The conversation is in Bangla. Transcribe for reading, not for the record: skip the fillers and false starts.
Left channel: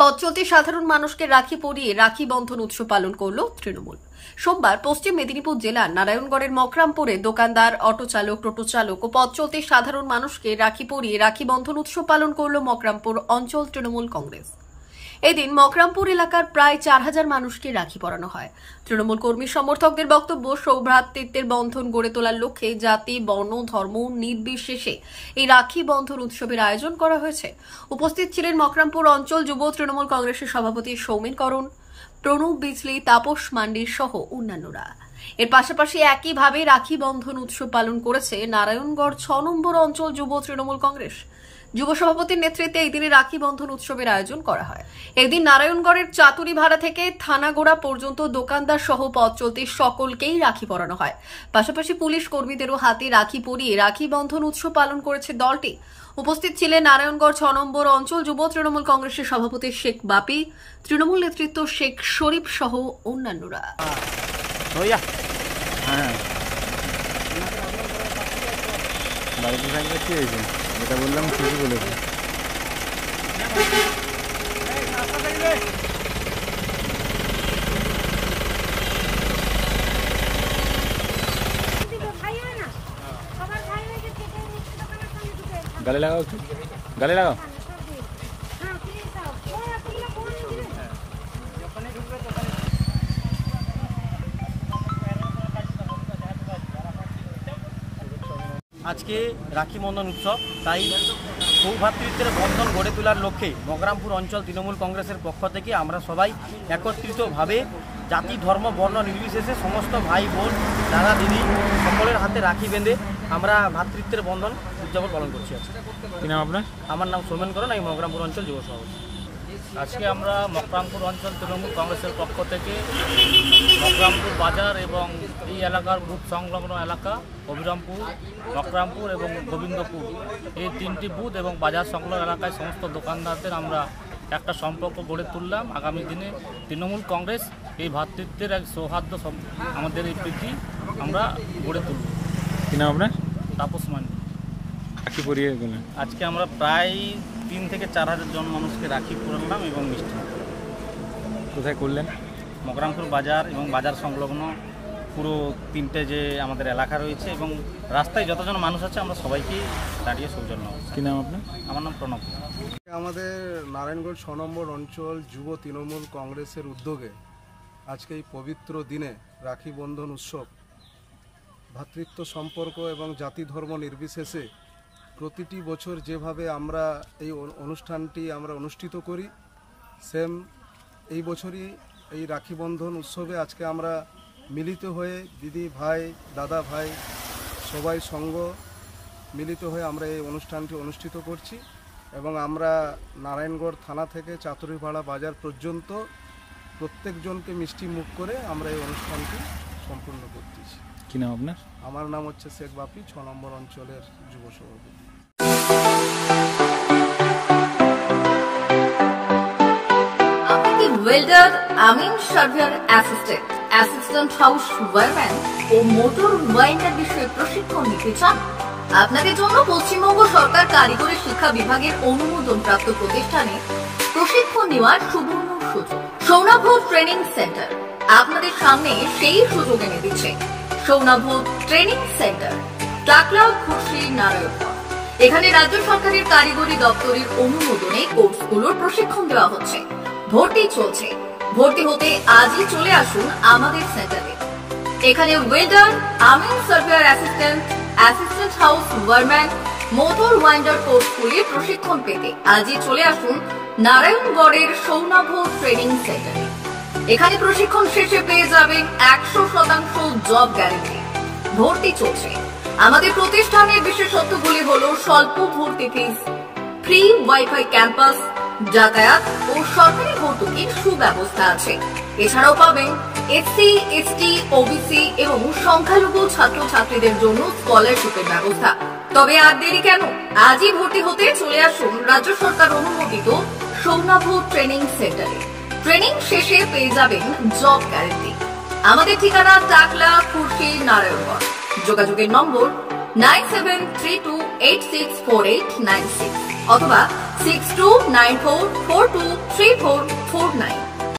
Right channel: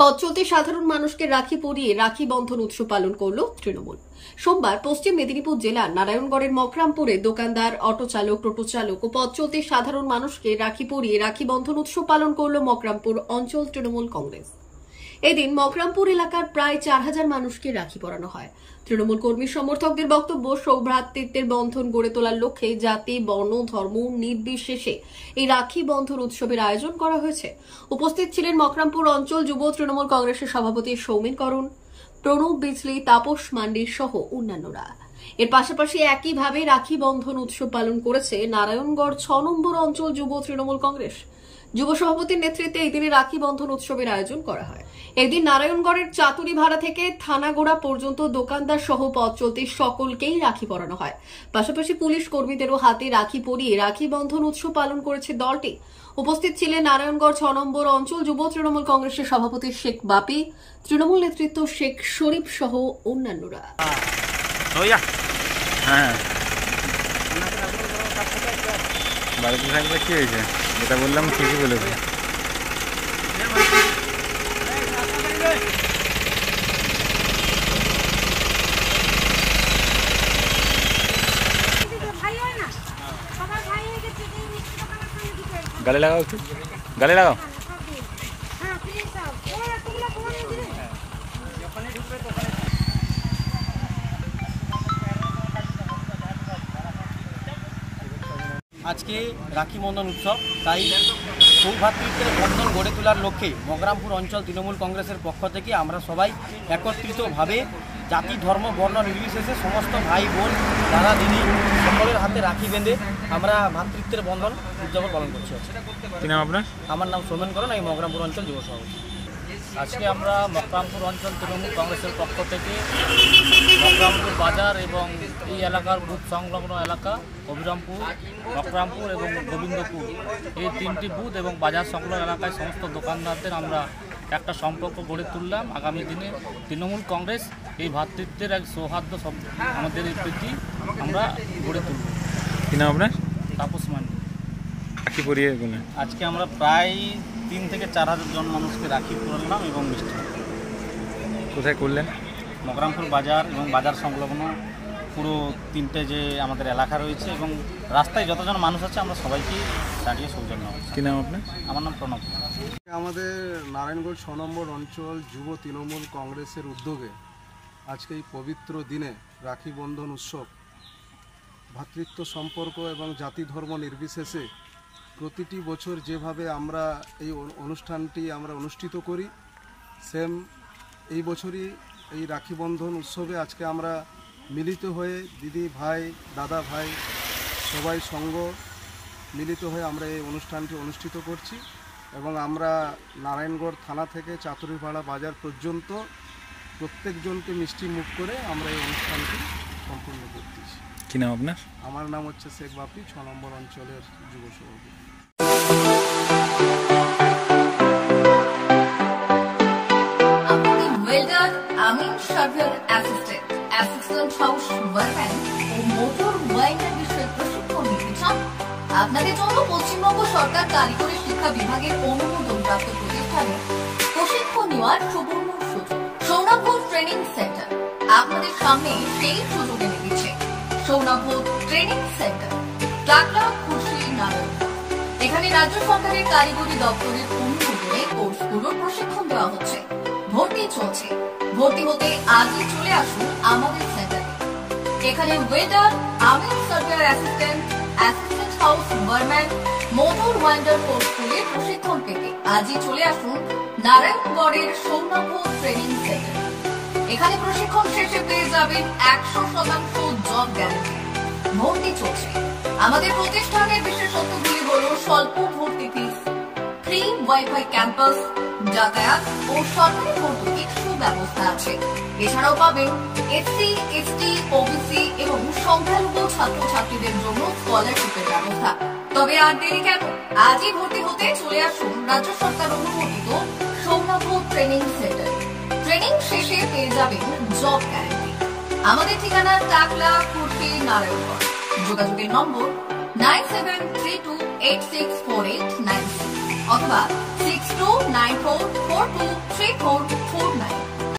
পথ চলতি সাধারণ মানুষকে রাখি পরিয়ে রাখি বন্ধন উৎসব পালন করল তৃণমূল। সোমবার পশ্চিম মেদিনীপুর জেলার নারায়ণগড়ের মকরামপুরে দোকানদার, অটো চালক, টোটো চালক ও পথ চলতি সাধারণ মানুষকে রাখি পরিয়ে রাখি বন্ধন উৎসব পালন করল মকরামপুর অঞ্চল তৃণমূল কংগ্রেস। এদিন মকরামপুর এলাকার প্রায় 4000 মানুষকে রাখি পরানো হয়। তৃণমূল কর্মী সমর্থকদের বক্তব্য, সৌভ্রাতৃত্বের বন্ধন গড়ে তোলার লক্ষ্যে জাতি, বর্ণ, ধর্ম নির্বিশেষে এই রাখি বন্ধন উৎসবের আয়োজন করা হয়েছে। উপস্থিত ছিলেন মকরামপুর অঞ্চল যুব তৃণমূল কংগ্রেসের সভাপতি সৌমেন করণ, প্রণব বিজলি, তাপস মান্ডির সহ অন্যান্যরা। এর পাশাপাশি একইভাবে রাখি বন্ধন উৎসব পালন করেছে নারায়ণগড় 6 নম্বর অঞ্চল যুব তৃণমূল কংগ্রেস। যুব সভাপতির নেতৃত্বে এই দিনে রাখি বন্ধন উৎসবের আয়োজন করা হয়। এদিন নারায়ণগড়ের চাতুরিভাড়া থেকে থানাগোড়া পর্যন্ত দোকানদার সহ পথ চলতি সকলকেই রাখি পরানো হয়। পাশাপাশি পুলিশ কর্মীদেরও হাতে রাখি পরিয়ে রাখি বন্ধন উৎসব পালন করেছে দলটি। উপস্থিত ছিলেন নারায়ণগড় 6 নম্বর অঞ্চল যুব তৃণমূল কংগ্রেসের সভাপতি শেখ বাপি, তৃণমূল নেতৃত্ব শেখ শরীফ সহ অন্যান্যরা। বাড়িতে থাকলে কি হয়েছে, যেটা বললাম ঠিকই বলেছে। গালে লাগাও, একটু গালে লাগাও। আজকে রাখি বন্ধন উৎসব, তাই সৌভ্রাতৃত্বের বন্ধন গড়ে তোলার লক্ষ্যে মকরামপুর অঞ্চল তৃণমূল কংগ্রেসের পক্ষ থেকে আমরা সবাই একত্রিতভাবে জাতি, ধর্ম, বর্ণ নির্বিশেষে সমস্ত ভাই, বোন, দাদা, দিদি সকলের হাতে রাখি বেঁধে আমরা ভ্রাতৃত্বের বন্ধন উদযাপন পালন করছি। কি নাম আপনার? আমার নাম সৌমেন করণ, আমি মকরামপুর অঞ্চল যুব সভাপতি। আজকে আমরা মকরামপুর অঞ্চল তৃণমূল কংগ্রেসের পক্ষ থেকে মকরামপুর বাজার এবং এই এলাকার বুথ সংলগ্ন এলাকা অবিরামপুর, মকরামপুর এবং গোবিন্দপুর, এই 3টি বুথ এবং বাজার সংলগ্ন এলাকায় সমস্ত দোকানদারদের আমরা একটা সম্পর্ক গড়ে তুললাম। আগামী দিনে তৃণমূল কংগ্রেস এই ভ্রাতৃত্বের এক সৌহার্দ্য, আমাদের এই প্রীতি আমরা গড়ে তুলব। কি নাম আপনার? তাপস মান্ডি। রাখি পরিয়ে আজকে আমরা প্রায় 3 থেকে 4000 জন মানুষকে রাখি পরালাম এবং মিষ্টি মুখ করলাম। কোথায় করলেন? মকরামপুর বাজার এবং বাজার সংলগ্ন পুরো 3টে যে আমাদের এলাকা রয়েছে এবং রাস্তায় যতজন মানুষ আছে আমরা সবাইকে দাঁড়িয়ে সৌজন্য। কি নাম আপনার? আমার নাম প্রণব। আমাদের নারায়ণগড় 6 নম্বর অঞ্চল যুব তৃণমূল কংগ্রেসের উদ্যোগে আজকে এই পবিত্র দিনে রাখি বন্ধন উৎসব ভ্রাতৃত্ব সম্পর্ক এবং জাতি, ধর্ম নির্বিশেষে প্রতিটি বছর যেভাবে আমরা এই অনুষ্ঠানটি আমরা অনুষ্ঠিত করি, সেম এই বছরই এই রাখি বন্ধন উৎসবে আজকে আমরা মিলিত হয়ে দিদি, ভাই, দাদা, ভাই সবাই সঙ্গ মিলিত হয়ে আমরা এই অনুষ্ঠানটি অনুষ্ঠিত করছি এবং আমরা নারায়ণগড় থানা থেকে চাতুরিভাড়া বাজার পর্যন্ত প্রত্যেকজনকে মিষ্টি মুখ করে আমরা এই অনুষ্ঠানটি সম্পূর্ণ করতেছি। কি নাম আপনার? আমার নাম হচ্ছে শেখ বাপি, 6 নম্বর অঞ্চলের যুব সভাপতি। ওয়েল্ডার, আমিন surveyor assistant, assistant house wireman ও মোটর ওয়াইন্ডার বিষয়ে প্রশিক্ষণ নিতে চান? আপনাদের জন্য পশ্চিমবঙ্গ সরকার কারিগরি শিক্ষা বিভাগের অনুমোদনপ্রাপ্ত প্রতিষ্ঠানে প্রশিক্ষণ নেওয়ার সুবর্ণ সুযোগ। সৌনাভ ট্রেনিং সেন্টার আপনাদের সামনে সেই সুযোগ এনে দিচ্ছে। সৌনাভ ট্রেনিং সেন্টার, টাকলা, খুশি, নারায়ণগড়। এখানে রাজ্য সরকারের কারিগরি দপ্তরের অনুমোদনে কোর্সগুলোর প্রশিক্ষণ দেওয়া হচ্ছে। ভর্তি চলছে। ভর্তি হতে আজই চলে আসুন আমাদের সেন্টারে। এখানে ওয়েল্ডার, আমিন surveyor assistant, assistant house wireman, motor winder কোর্সগুলি প্রশিক্ষণ পেতে আজই চলে আসুন নারায়ণগড়ের সৌনাভ ট্রেনিং সেন্টারে। এখানে প্রশিক্ষণ শেষে পেয়ে যাবেন 100% জব গ্যারেন্টি। ভর্তি চলছে। আমাদের প্রতিষ্ঠানের বিশেষত্বগুলি হল স্বল্প ভর্তি ফিস, ফ্রি ওয়াইফাই ক্যাম্পাস, যাতায়াত ও সরকারি ভর্তুকির সুব্যবস্থা আছে। এছাড়াও পাবেন এসসি, এসটি, ওবিসি এবং সংখ্যালঘু ছাত্রছাত্রীদের জন্য স্কলারশিপের ব্যবস্থা। তবে আর দেরি কেন, আজই ভর্তি হতে চলে আসুন রাজ্য সরকার অনুমোদিত সৌনাভ ট্রেনিং সেন্টারে। ট্রেনিং শেষে পেয়ে যাবেন জব গ্যারেন্টি। আমাদের ঠিকানা টাকলা, খুশি, নারায়ণগড়। যোগাযোগের নম্বর 9732864896 অথবা 6294423449।